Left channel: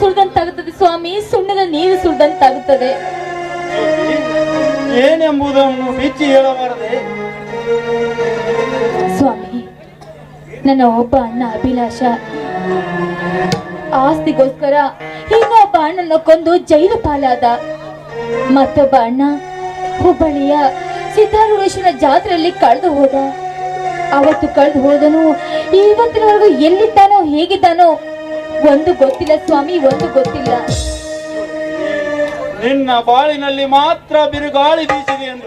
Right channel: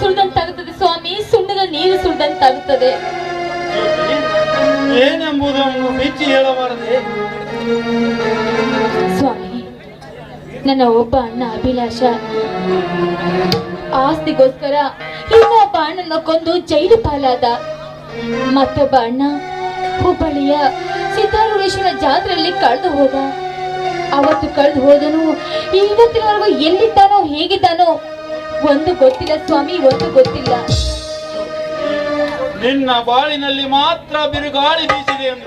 ಸುರಿದಂತಾಗುತ್ತದೆ ಸ್ವಾಮಿ, ಸುಣ್ಣದ ನೀರು ಸುರಿದಂತಾಗುತ್ತದೆ. ಏನೆಂಬುದನ್ನು ಬಿಚ್ಚಿ ಹೇಳಬಾರದೆ ಸ್ವಾಮಿ. ನನ್ನ ಒಬ್ಬ ಅಣ್ಣ ಅಭಿಲಾಷ ಆಸ್ತಿಗೋಸ್ಕರ ಇನ್ನೊಬ್ಬ ಅಣ್ಣನ ಕೊಂದು ಜೈಲು ಪಾಲಾದ. ಮತ್ತೊಬ್ಬ ಅಣ್ಣ ಹುಬ್ಬಳ್ಳಿಯ ಸಿದ್ದಾರೂಢೇಶ್ವರ ಜಾತ್ರೆಯಲ್ಲಿ ಕಳೆದು ಹೋದ. ಅವತ್ತು ಕಳೆದು ಹೋದನು. ಇವತ್ತಿನವರೆಗೂ ಎಲ್ಲಿದ್ದಾನೋ ಹೇಗಿದ್ದಾನೋ ಒಂದು ಗೊತ್ತಿಲ್ಲ ಸ್ವಾಮಿ, ಒಂದು ಗೊತ್ತಿಲ್ಲ. ನಿನ್ನ ಬಾಳಿನಲ್ಲಿ ಮಾತ್ರ ಬಿರುಗಾಳಿ ಬೀಸಿದೆ ಎಂದು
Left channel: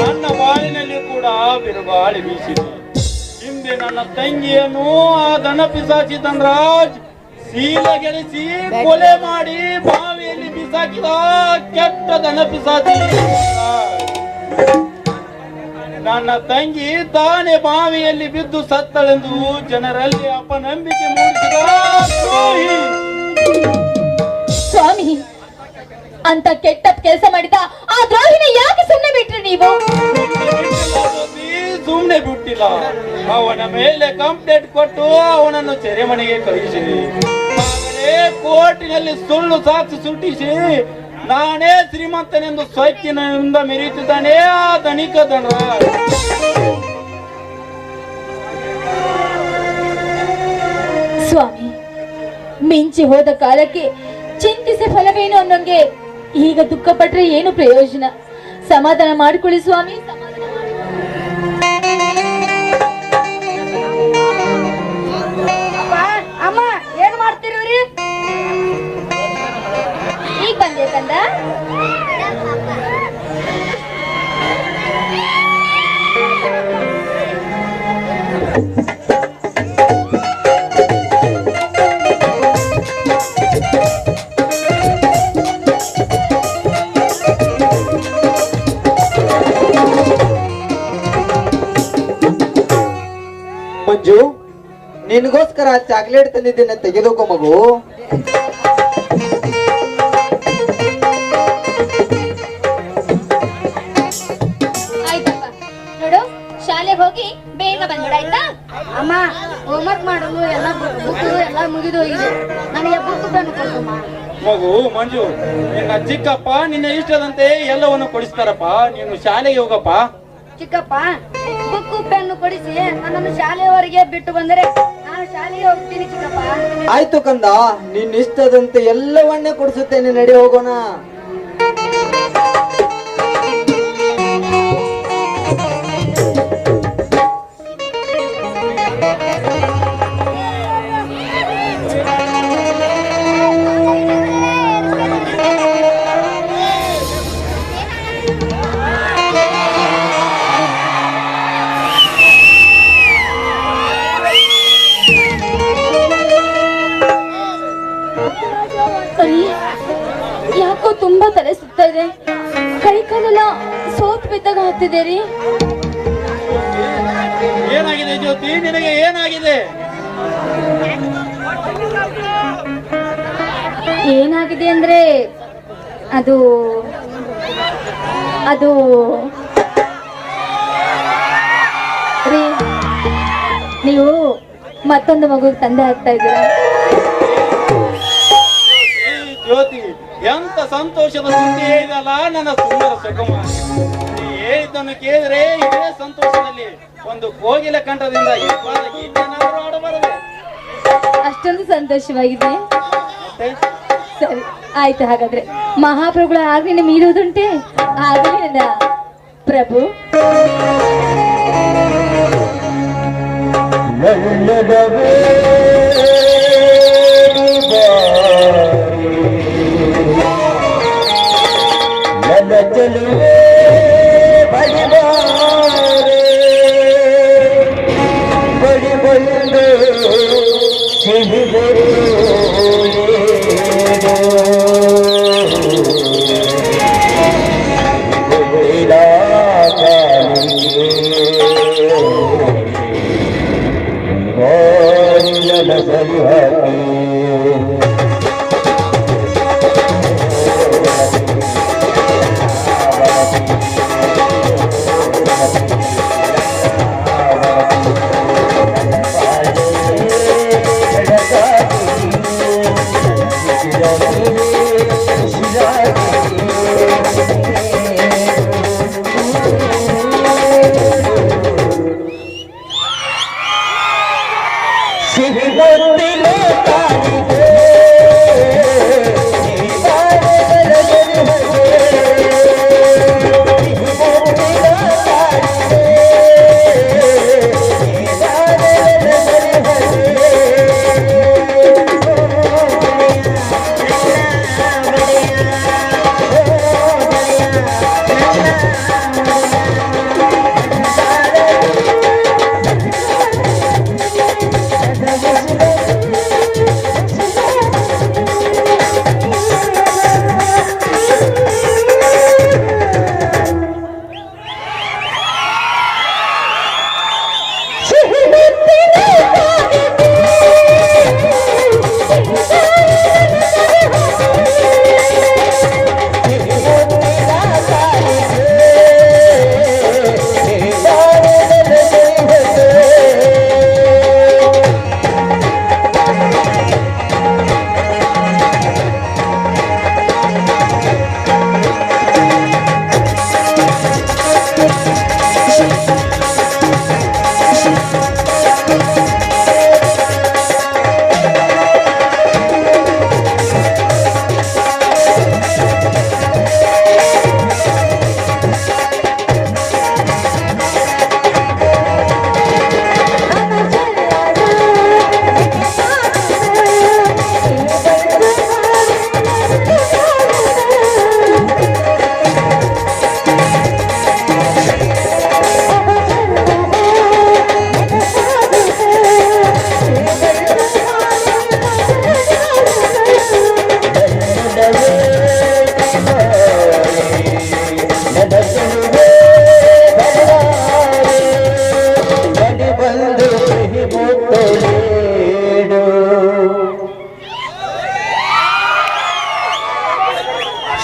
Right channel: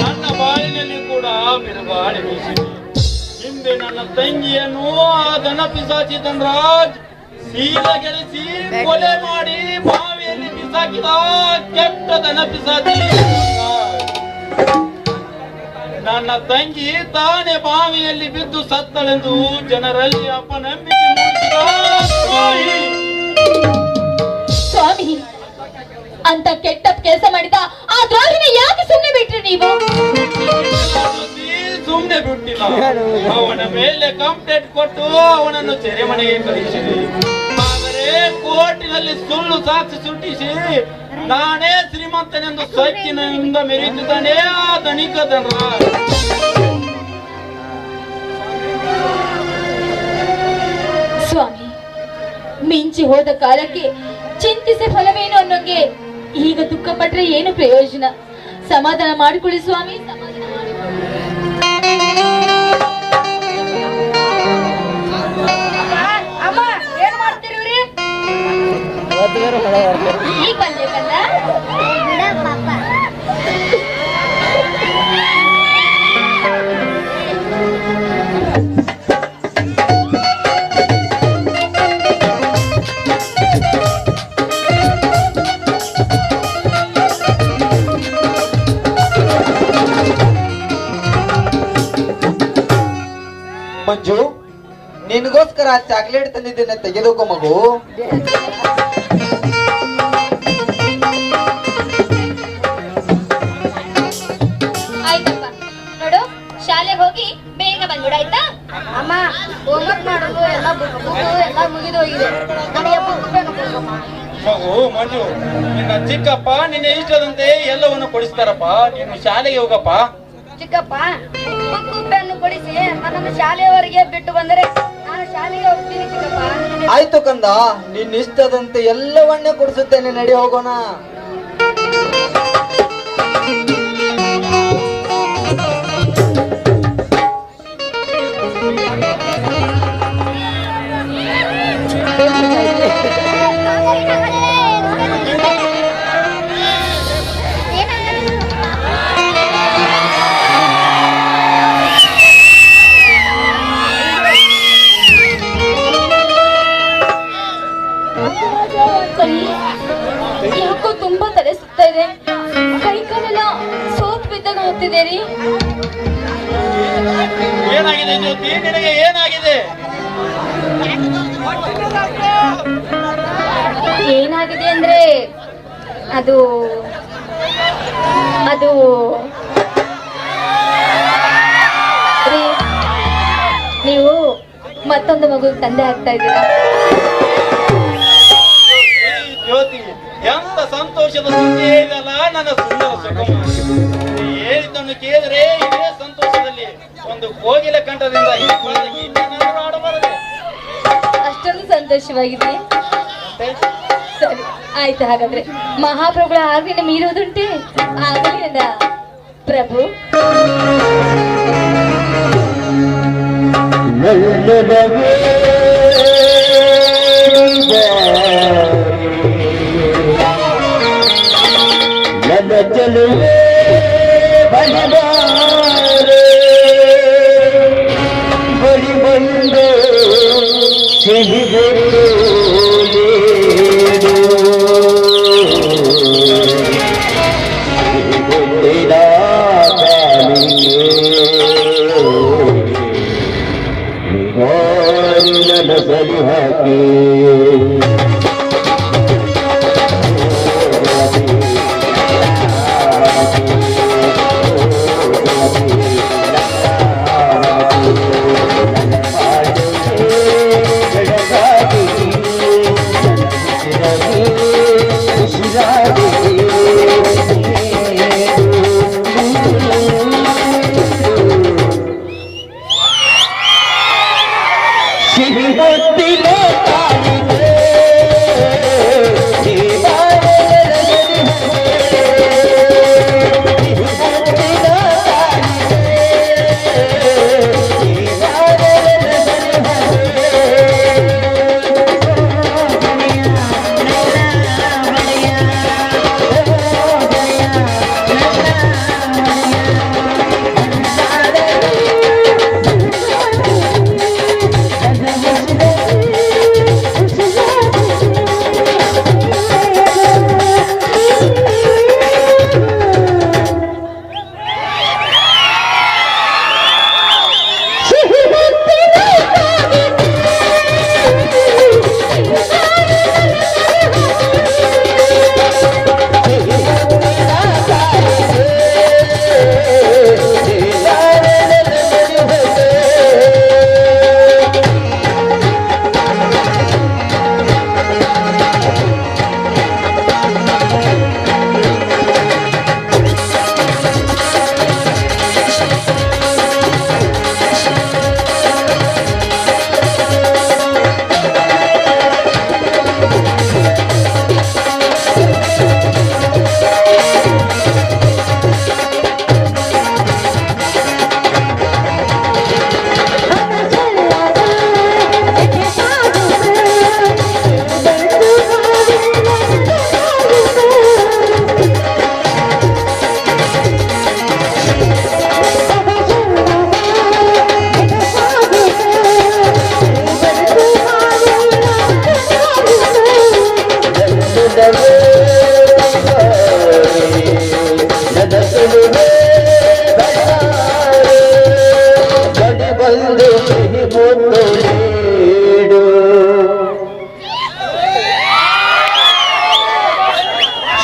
ನನ್ನ ಬಾಳಿನಲ್ಲಿ ಕೂಡ ಬಿರುಗಾಳಿ ಬೀಸಿದೆ. ಹಿಂದೆ ನನ್ನ ತಂಗಿಯನ್ನು ಆ ದನ ಪಿಸಾಚಿ ಧನರಾಜ್ ಸೀಲ ಗೆಳಿಸಿ ಕೊಲೆ ಮಾಡಿ ಬಾವಿಯಲ್ಲಿ ಬಿಸಾಕಿದ ಕೆಟ್ಟ ದನ ಪಿಸಾಚಿ. ನನ್ನ ತಂಗಿ ತಾನೇ ಬಾವಿಯಲ್ಲಿ ಬಿದ್ದು ಸತ್ತಳೆಂದು ಜನರಲ್ಲಿ ಅಪನಂಬಿಕೆ ಮೂಡಿಸಿದ ಸ್ವಾಮಿ. ಅಂತ ಕೆಟ್ಟ ಕೆಲಸ ಮಾಡಿದ ಆ ದ್ರೋಹಿನ ಯಾಕೆ ಸುಮ್ಮನೆ ಬಿಟ್ರಿ ನೀವು? ಸುಮ್ಮನೆ ಬಿಟ್ಟಿಲ್ಲ, ಅವನ ಮೇಲೆ ಕಂಪ್ಲೇಂಟ್ ಕೊಟ್ಟು ಅವನನ್ನು ಸೆರೆಮನೆಗೆ ಕಳಿಸಿದೆ. ಆದರೆ ಕೋರ್ಟಿನಲ್ಲಿ ಸುಳ್ಳು ಸಾಕ್ಷಿ ಸೃಷ್ಟಿಸಿ ನಾನೇ ಶ್ರೀಮಂತನೆಂದು ಸ್ವಚ್ಛನಿಂದ ಮೆರೆಯುತ್ತಿದ್ದಾನೆ ಆ ಧನಿಕ ಧನ. ಸ್ವಾಮಿ, ಮಿಂಚಿ ಹೋದ ಕಾಲಕ್ಕೆ ಚಿಂತಿಸಿ ಫಲವೇನು ಅನ್ನೋಂಗೆ ಈಗ ದುಃಖ ಪಟ್ರೆ ಏನು ಪ್ರಯೋಜನ? ಸಮಾಧಾನ ಮಾಡಿಕೊಳ್ಳಿ ಸ್ವಾಮಿ, ಸಮಾಧಾನ ಮಾಡಿಕೊಳ್ಳಿ. ಅಮ್ಮ ಏನ್ ಮಾಡ್ತಿರ್ರಿ? ಈಗ ಬಂದೇಕಲ್ಲ. ಮಂಜು, ನಿನಗೋಸ್ಕರ ಚಾಕ್ಲೇಟ್ ತಂದಿದ್ದೇನೆ, ತೆಗೆದುಕೋ ಮಗು. ಆಯ್ತಪ್ಪ, ನೋಡು ಶಾಲೆಗೆ ಹೋಗಿ ಬೇಗ ಬಂದ್ಬಿಡ ಆಯ್ತಾ? ಅಮ್ಮ ಹೋಮ್ವರ್ಕ್ ಮಾಡಲು ಎಲ್ಲ ಮುಗಿದು ಹೋಗಿದೆ. ನನಗೆ ಬುಕ್ ಬೇಕು ಕೊಡಮ್ಮ. ಮಗು ಮಂಜು, ನಿನ್ನ ಚಿಕ್ಕಪ್ಪ ನಿನ್ನ ಇಷ್ಟದಂತೆ ಎಲ್ಲವನ್ನು ಕೊಡಿಸ್ತಾರಪ್ಪ. ನೀನು ಶಾಲೆಗೆ ಹೋಗಪ್ಪ. ಚಿಕ್ಕಪ್ಪ ಬುಕ್ ಪೆನ್ನು ಕೊಡಿಸಿ ನನ್ನನ್ನು ಶಾಲೆಯವರೆಗೆ ಬಿಟ್ಟು ಬಂದರೆ ನಾನು ಶಾಲೆಗೆ ಹೋಗ್ತೀನಿ ಚಿಕ್ಕಪ್ಪ. ಆಯ್ತು ಕಂದ, ನಿನ್ನ ಇಷ್ಟದಂತೆ ಎಲ್ಲವನ್ನೇ ಕೊಡಿಸುತ್ತೇನೆ, ನಡಿ ಹೋಗೋಣ. ಯಾಕೋ ತುಂಬಾ ತಲೆ ಸುತ್ತಾ ಇದೆ, ಕೈ ಕಾಲೆಲ್ಲ ಸೋತ್ ಬಿದ್ದಾಗ ಆಗ್ತಿದೆ ರೀ. ಏನಾಗಿದೆ ಜ್ಯೋತಿ, ನಿನಗೆ ಏನಾಗಿದೆ? ಏನಾಗಿದೆ ಅಂದ್ರೆ ಅದು ಅದು ರೀ, ನೀವು ಮತ್ತೊಂದು ಮಗು ತಂದೆ ಆಗ್ತಾ ಇದ್ದೀರಾ. ಜ್ಯೋತಿ, ಎಂತ ಸಂತೋಷದ ಸುದ್ದಿ ಇಲ್ಲಲ್ಲ ನನ್ನ ಸುಂದರ ಸುಖಮಾರಿ. ನೀ ಹೇಳಿದ್ದನ್ನು ಕೇಳಿದ್ರೆ ಇದೇ ಸಂತೋಷದಲ್ಲಿ ಒಂದು ಕೋಗಿಲ ಕಂಠದಿಂದ ಆಡಬಾರದು. ಅಷ್ಟೊಂದು ಸಂತೋಷವಾಗಿದೆ. ಸರಿ ಆಯ್ತು, ಹಾಗಾದ್ರೆ ಮಹಾಪ್ರಭುಗಳ ಆಜ್ಞೆನ ಮೀರುವುದುಂಟೆ? ಆಗಲೇ ನನ್ನ ಪ್ರಭು. ಚಲುವೆ ಬಡಿ ಬಡಿ ಬಂದು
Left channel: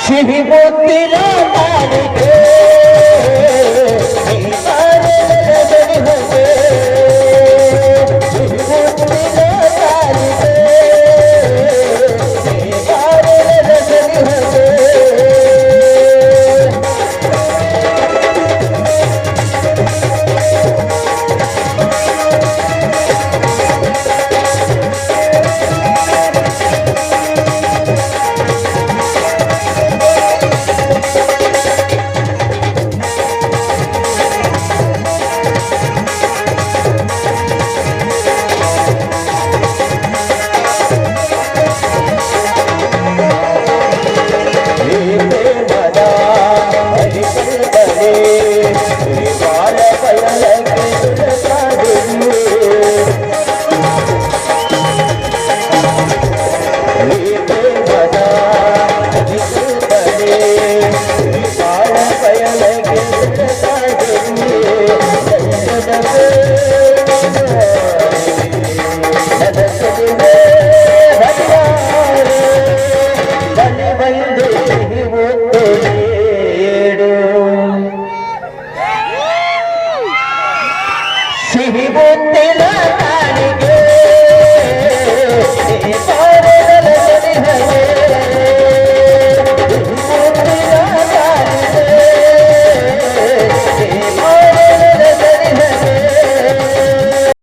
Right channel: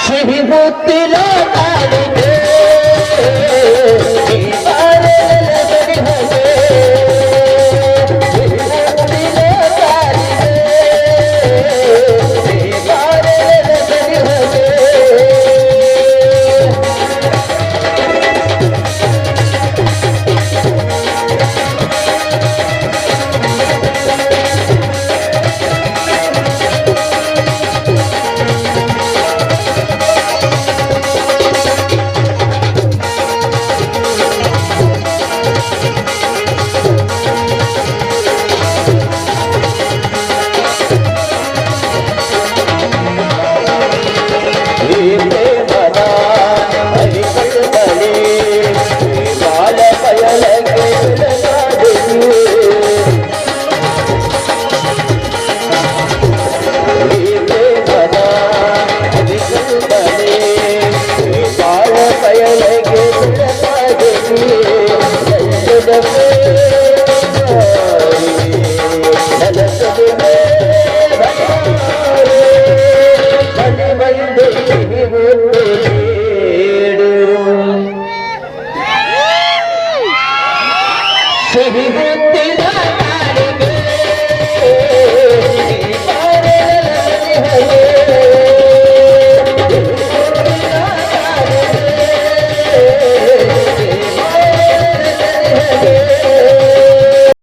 ಸಿಹಿ ಮುತ್ತಿನ